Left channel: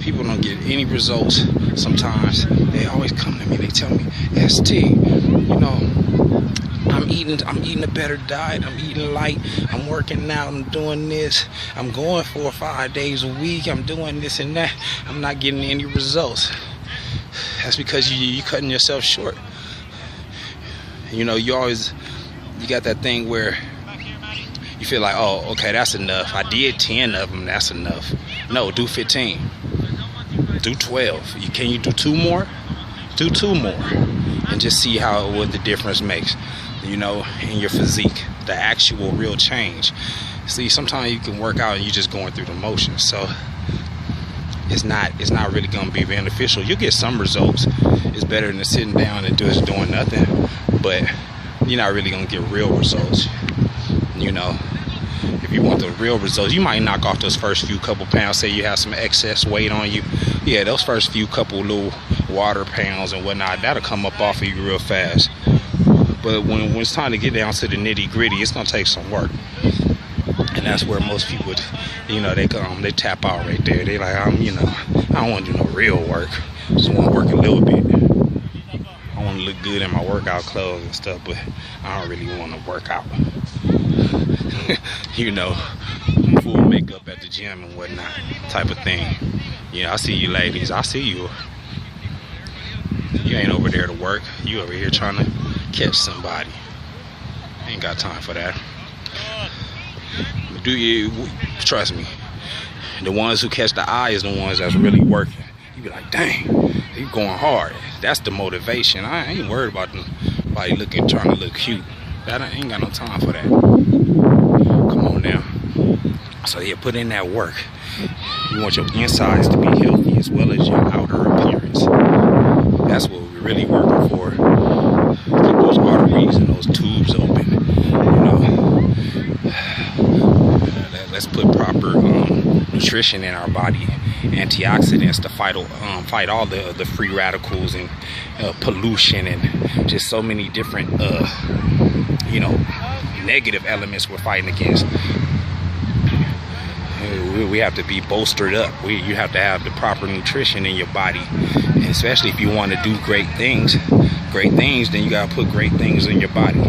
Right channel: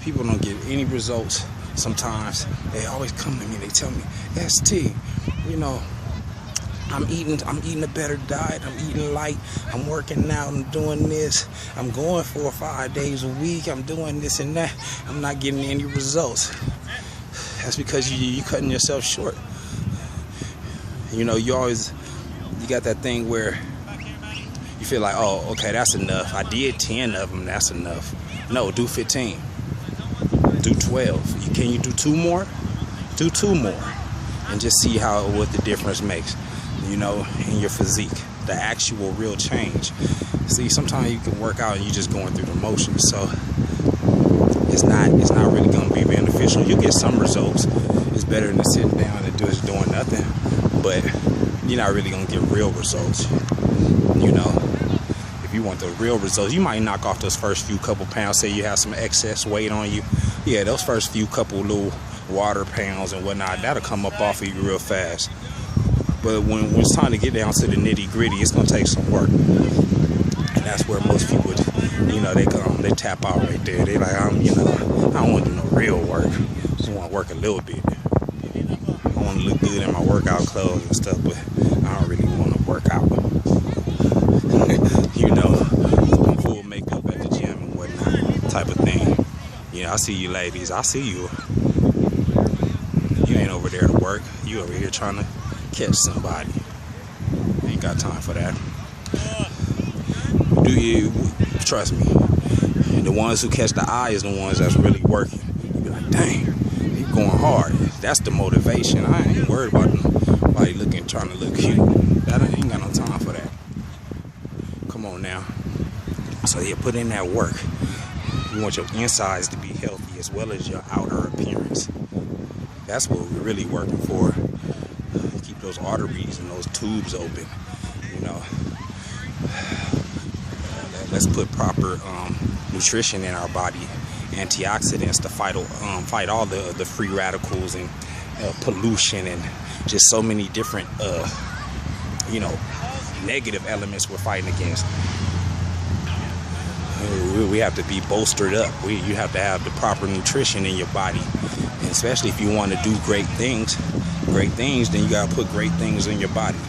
People don't get any results. Sometimes they always come to me, they tell me, ST, you know, I'm eating a better diet, I'm eating light, I'm working out, I'm doing this, I'm going 4 or 5 days a week, I'm doing this and that, I'm not getting any results. That's because you cutting yourself short. You know, you got that thing where you feel like, oh, okay, that's enough. I did 10 of them, that's enough. No, do 15. Do 12. Can you do 2 more? Do 2 more. And just see what the difference makes, you know, in your physique. The actual real change. See, sometimes you can work out and you're just going through the motions. So it's not really gonna be beneficial. You'll get some results. It's better than sitting down and just doing nothing. But you're not really gonna get real results. You know, if you want the real results, you might knock off those first few couple pounds. Say you have some excess weight on you. Yeah, those first few couple little water pounds and whatnot, that'll come up off of you real fast. But when it's time to get down to the nitty gritty, it's gonna take some work. And that's where most people, you know, they tap out right there. They like, you know, I don't want to do no real work. Just want to work a little bit. I want to look good in my workout clothes and stuff, but I don't really want to work out. You know, full makeup at the gym and whatnot, type of thing. You know, I see you ladies. I see you. You ain't over there to work. You over here trying to catch somebody. Ain't got time for that. Do you? Trust me. The ones who catch the eye is the ones that's really working. You be like, dang, you going hard. That's the motivation. I ain't worried about nobody trying to look cute. I ain't got no time for that. Come on now. So yeah, put in that work. You want your insides to be healthy as well as your outer appearance. That's what we're really working for. Keep those arteries and those tubes open. You know. Let's put proper nutrition in our body, antioxidants to fight all the free radicals and pollution and just so many different you know, negative elements we're fighting against. We have to be bolstered up. You have to have the proper nutrition in your body, and especially if you want to do great things, then you gotta put great things in your body.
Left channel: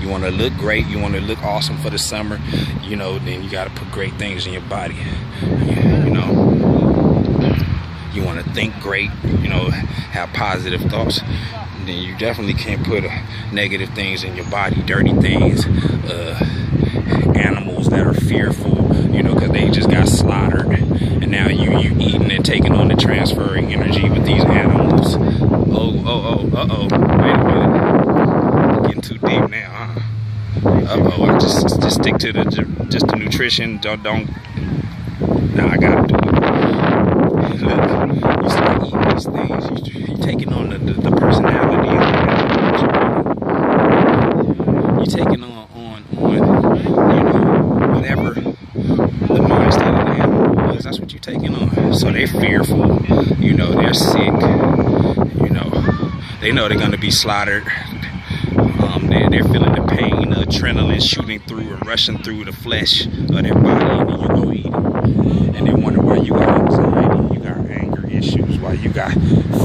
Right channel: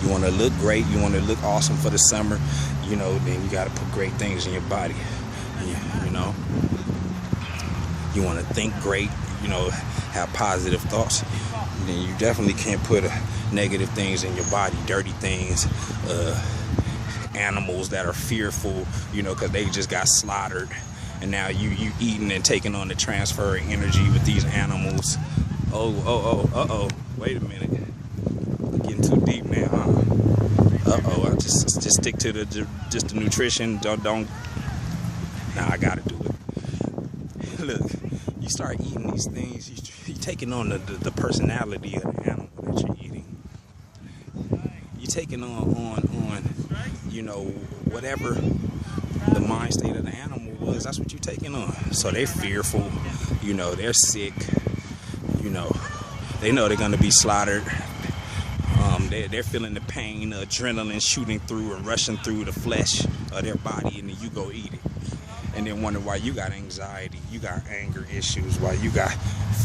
You want to look great, you want to look awesome for the summer, you know, then you got to put great things in your body. You know, you want to think great, you know, have positive thoughts. Then you definitely can't put negative things in your body, dirty things, animals that are fearful, you know, because they just got slaughtered, and now you eating and taking on the transferring energy with these animals. Oh, wait a minute. Getting too deep now, huh? I just stick to the nutrition. Don't. Now I gotta do it. Look, you start eating these things, you taking on the personality of the animal. You taking on you know, whatever the mind state of the animal was. That's what you're taking on. So they're fearful. You know, they're sick. You know, they know they're gonna be slaughtered. They're feeling the pain, the adrenaline shooting through and rushing through the flesh of their body, and then you go eat it. And they wonder why you got anxiety, you got anger issues, why you got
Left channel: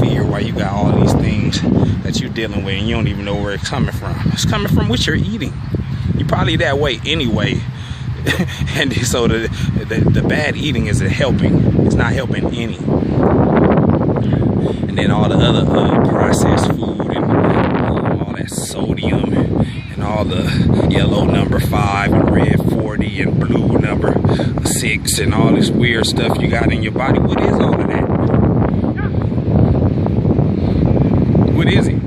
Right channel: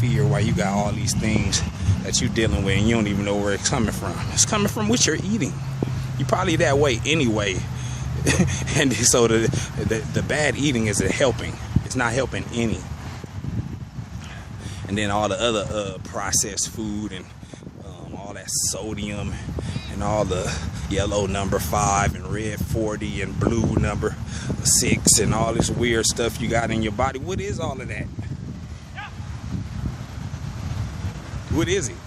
fear, why you got all these things that you're dealing with, and you don't even know where it's coming from. It's coming from what you're eating. You're probably that way anyway. And so the bad eating isn't helping. It's not helping any. And then all the other processed food and all that sodium and all the yellow number 5 and red 40 and blue number 6 and all this weird stuff you got in your body. What is all of that? What is it?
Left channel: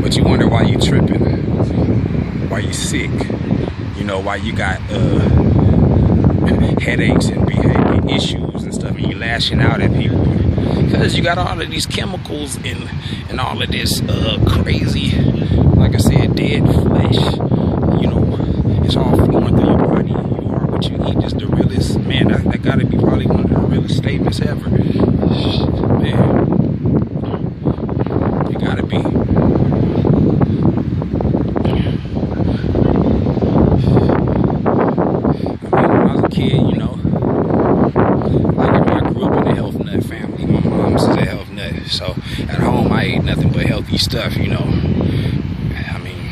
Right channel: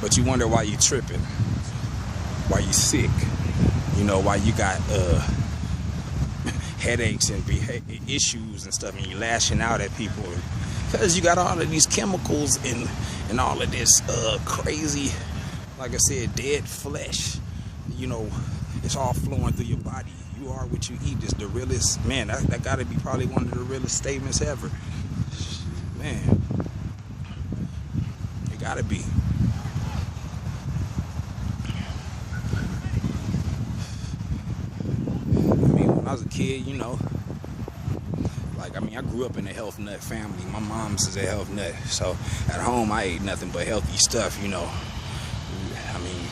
But you wonder why you tripping, why you sick, you know, why you got headaches and behavior issues and stuff, and you lashing out at people because you got all of these chemicals and all of this crazy, like I said, dead flesh. You know, it's all flowing through your body. You are what you eat. Is the realest, man. That gotta be probably one of the realest statements ever, man. You gotta be. Kid, you know, like I grew up in the health nut family. My mom's is a health nut. So at home, I ate nothing but healthy stuff, you know. I mean,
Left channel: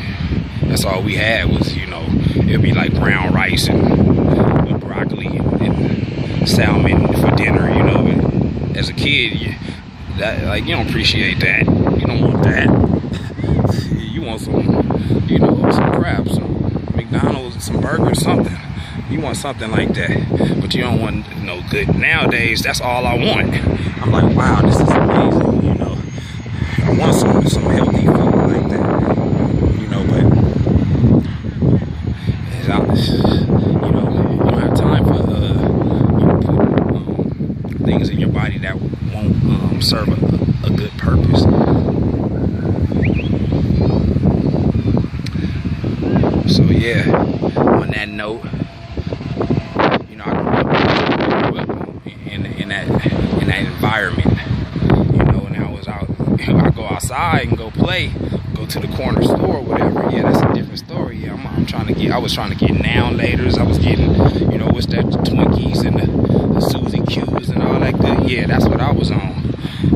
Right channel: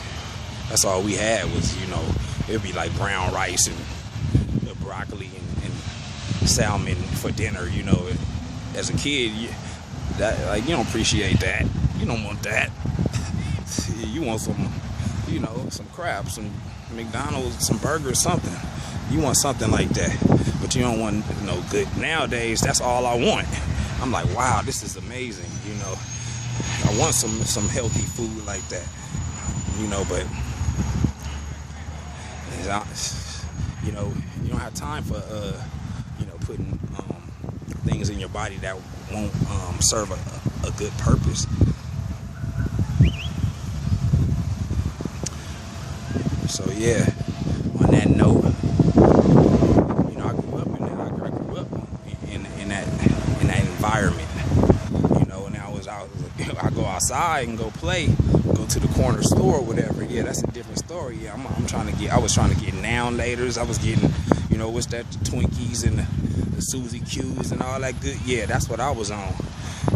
that's all we had was, you know, it'd be like brown rice and broccoli and salmon for dinner, you know. As a kid, you don't appreciate that. You don't want that. You want some, you know, some crab, some McDonald's, some burgers, something. You want something like that, but you don't want no good. Nowadays, that's all I want. I'm like, wow, this is amazing, you know. I want some healthy food like that, you know, but it's honest, you know, you don't have time for, you know, putting things in your body that won't serve a good purpose. So yeah, on that note, you know, I grew up in that environment, you know, and I was out, you know, I go outside and go play, go to the corner store or whatever. Yeah, that's a different story. Yeah, I was trying to get now laters. I was getting, you know, what's that, the Twinkies and the Suzy Q's and all that good. Yeah, that's what I was on.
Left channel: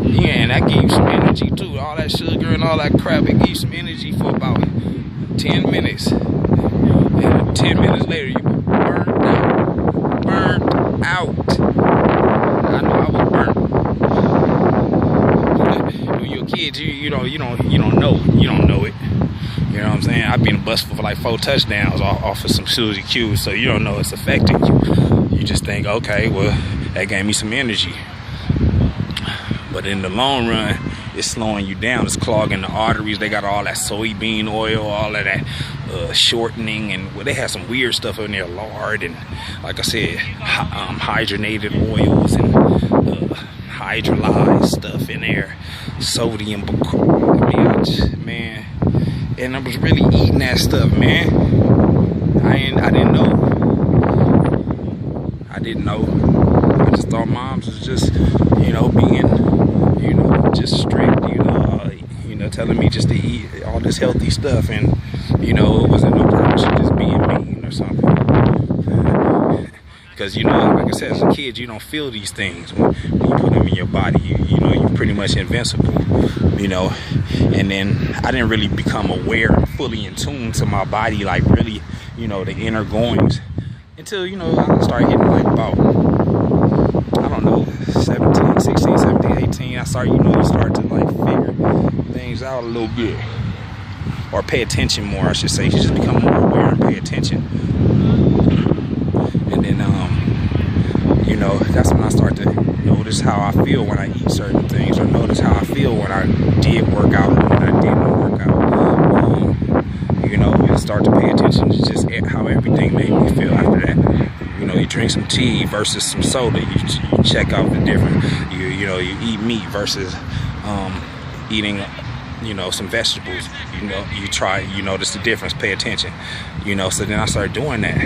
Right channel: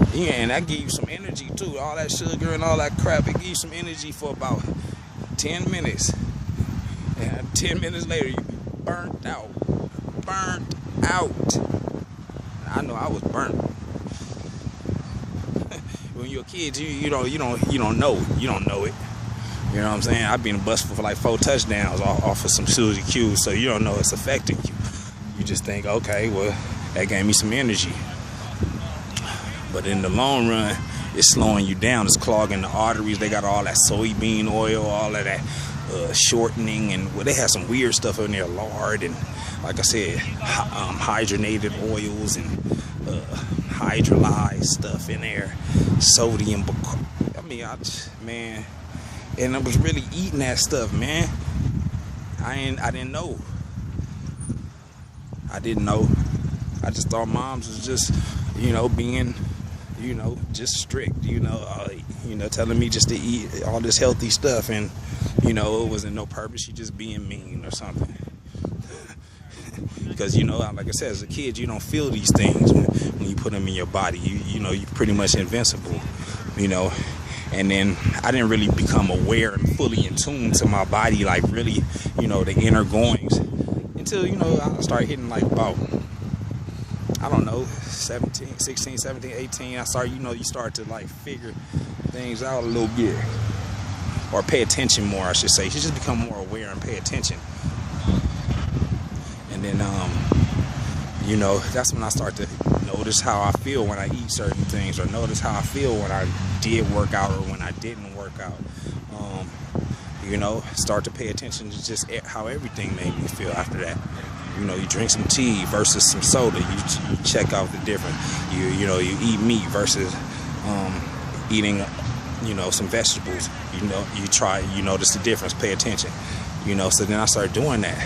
Yeah, and that gave you some energy too. All that sugar and all that crap, it gave you some energy for about 10 minutes. And 10 minutes later, you burnt out. I know I was burnt. When you're a kid, you don't know it. You don't know it. You know what I'm saying? I've been busted for like 4 touchdowns off of some Suzy Q's, so you don't know it's affecting you. You just think, okay, well, that gave me some energy. But in the long run, it's slowing you down. It's clogging the arteries. They got all that soybean oil, all of that shortening, and well, they have some weird stuff in there, lard, and like I said, hydrogenated oils and hydrolyzed stuff in there, sodium. Man, and I was really eating that stuff, man. I didn't know. I just thought moms was just, you know, being, you know, just strict, you know, telling me just to eat all this healthy stuff, and, you know, it wasn't no purpose of just being mean or something. Because, you know, like I said, as a kid, you don't feel these things when you put them in your body. You know, you're pretty much invincible, you know. And then I didn't really become aware and fully in tune to my body, like really, you know, the inner goings, until, you know, I started hitting like about, I don't know, 16, 17, 18. I started, you know, you start to like figure things out a little bit, or pay attention more, I should say. You just become more aware and pay attention. And then, you know, that's when I start to notice how I feel when I eat certain things, or notice how I feel when I did work out or when I didn't work out. You know, start to pay attention to just how everything made me feel after that. You know, you drink some tea versus some soda. You check out the difference. You know, you eat meat versus eating, you know, some vegetables. You know, you notice the difference. Pay attention. You know, so then I started doing that.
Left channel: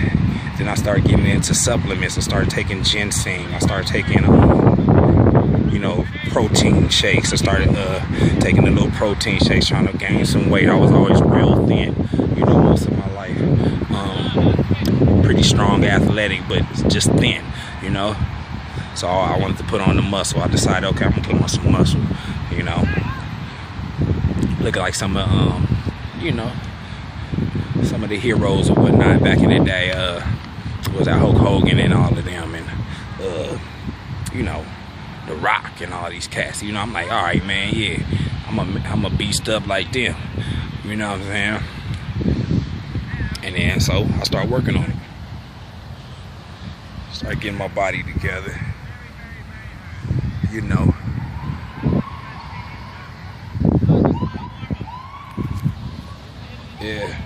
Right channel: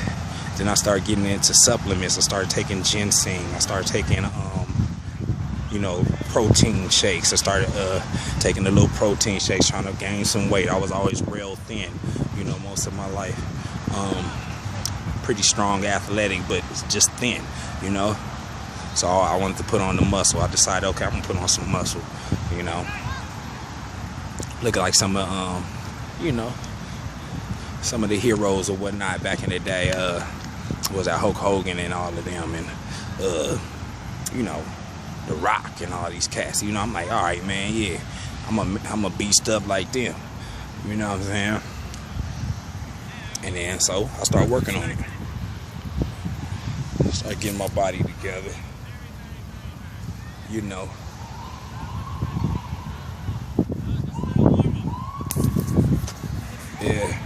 Then I started getting into supplements. I started taking ginseng. I started taking, you know, protein shakes. I started taking the little protein shakes, trying to gain some weight. I was always real thin, you know, most of my life. Pretty strong, athletic, but just thin, you know. So I wanted to put on the muscle. I decided, okay, I'm gonna put on some muscle, you know. Look like some of, you know, some of the heroes or whatnot back in the day. Was that Hulk Hogan and all of them, and you know, The Rock and all these cats. You know, I'm like, all right, man, yeah, I'm a beast up like them. You know what I'm saying? And then so I started working on it. Start getting my body together. You know. Yeah.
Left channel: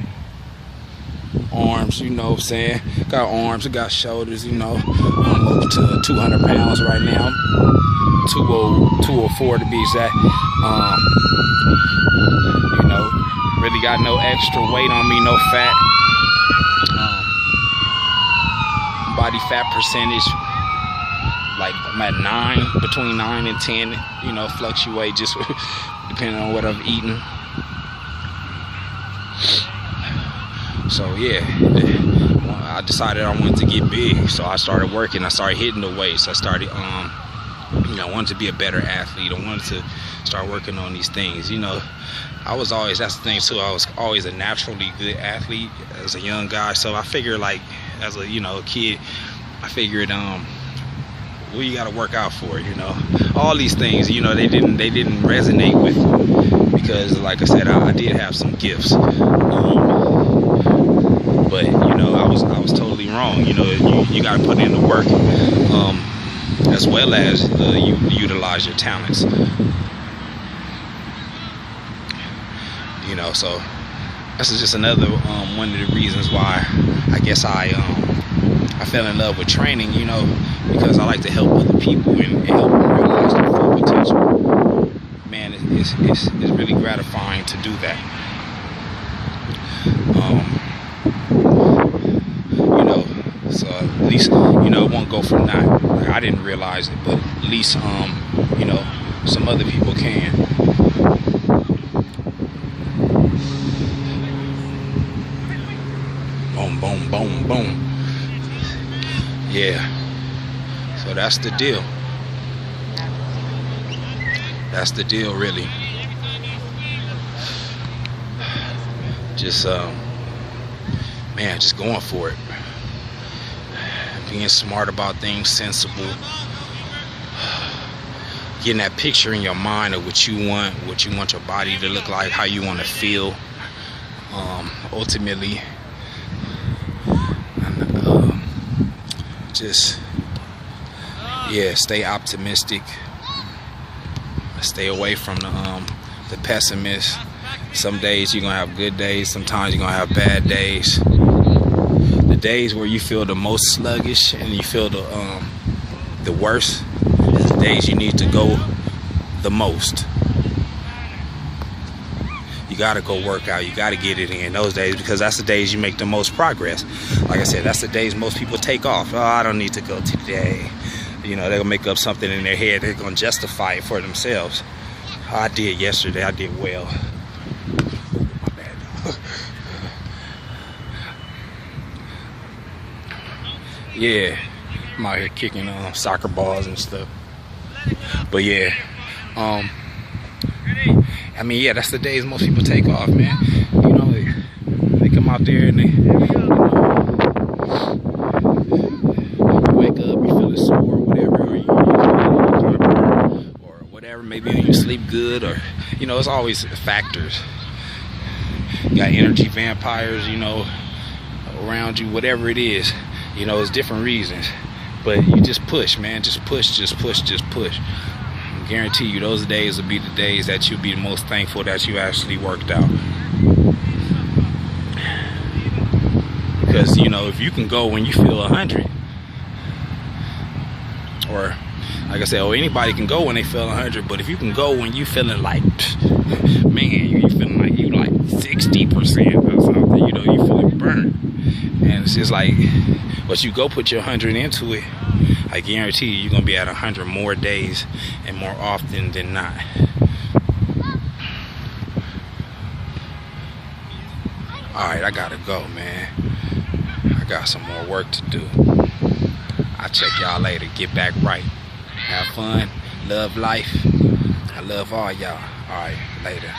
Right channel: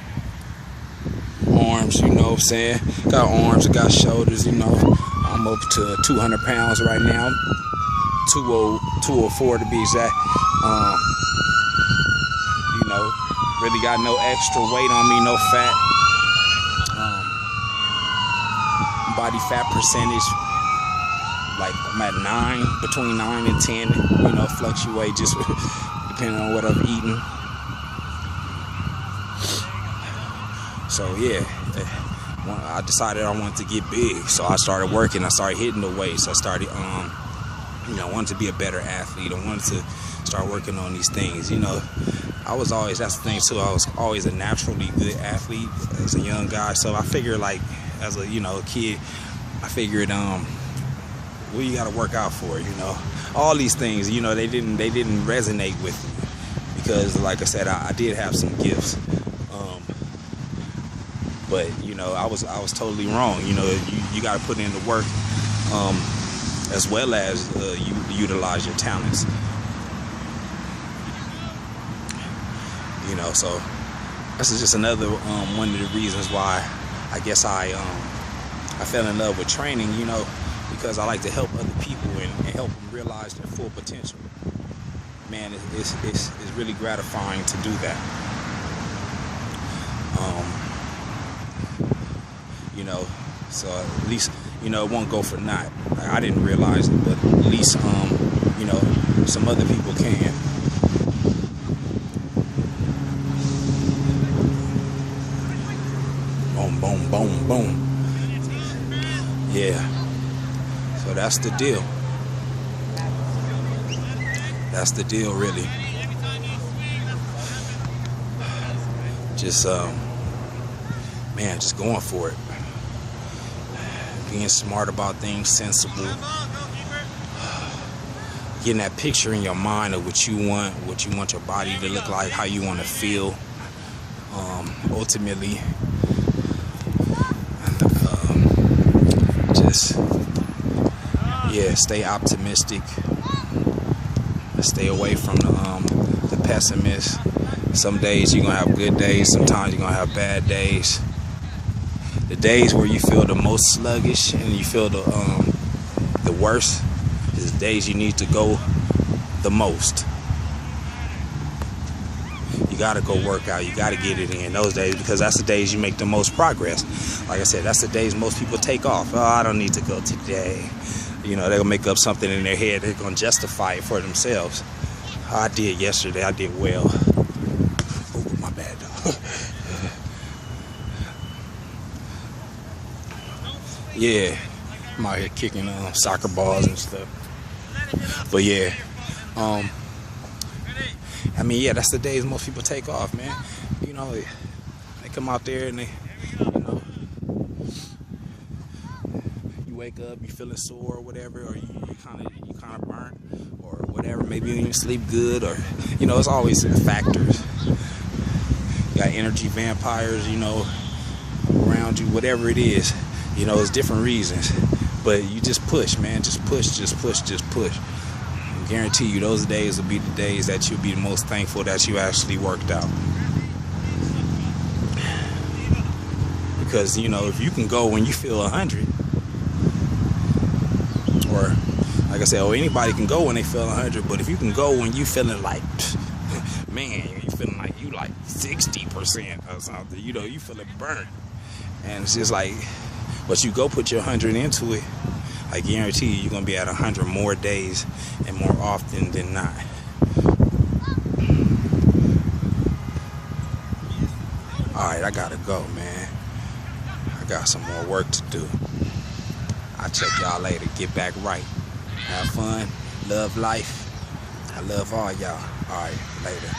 Arms, you know what I'm saying? Got arms, I got shoulders, you know. I'm up to 200 pounds right now. 204 to be exact. You know, really got no extra weight on me, no fat. Body fat percentage, like I'm at 9, between 9 and 10, you know, fluctuate just depending on what I'm eating. So yeah, I decided I wanted to get big, so I started working. I started hitting the weights. I started You know, I wanted to be a better athlete. I wanted to start working on these things. You know, I was always, that's the thing too, I was always a naturally good athlete as a young guy. So I figured, like, as a, you know, kid, I figured, what you gotta work out for, you know. All these things, you know, they didn't resonate with me because, like I said, I did have some gifts. But, you know, I was totally wrong. You know, you gotta put in the work, as well as you utilize your talents. You know, so this is just another one of the reasons why I guess I fell in love with training, you know, because I like to help other people and help them realize their full potential. Man, it's really gratifying to do that. You know, so at least, you know, it won't go for naught. Like, I didn't realize it, but at least, you know, some other people can. Boom, boom, boom, boom. Yeah. So that's the deal. That's the deal, really. Just, man, just going for it. Being smart about things, sensible. Getting that picture in your mind of what you want your body to look like, how you want to feel. Ultimately, just, yeah, stay optimistic. Stay away from the pessimist. Some days you're gonna have good days, sometimes you're gonna have bad days. The days where you feel the most sluggish and you feel the worst is the days you need to go the most. You gotta go work out, you gotta get it in those days, because that's the days you make the most progress. Like I said, that's the days most people take off. Oh, I don't need to go today. You know, they'll make up something in their head, they're gonna justify it for themselves. I did yesterday, I did well. Ooh, my bad. Yeah, I'm out here kicking soccer balls and stuff. But yeah, I mean, yeah, that's the days most people take off, man. You know, they come out there and they, you wake up, you feeling sore or whatever, or you kind of burn or whatever. Maybe you sleep good, or, you know, it's always factors. You got energy vampires, you know, around you, whatever it is. You know, it's different reasons. But you just push, man. Just push, just push, just push. I guarantee you those days will be the days that you'll be the most thankful that you actually worked out. Because, you know, if you can go when you feel 100, or like I said, or anybody can go when they feel 100, but if you can go when you feeling like, man, you feeling like you like 60% or something, you know, you feeling burnt. And it's just like, but you go put your 100 into it, I guarantee you're gonna be at 100 more days and more often than not. Alright, I gotta go, man. I got some more work to do. I'll check y'all later. Get back right. Have fun. Love life. I love all y'all. Alright, later.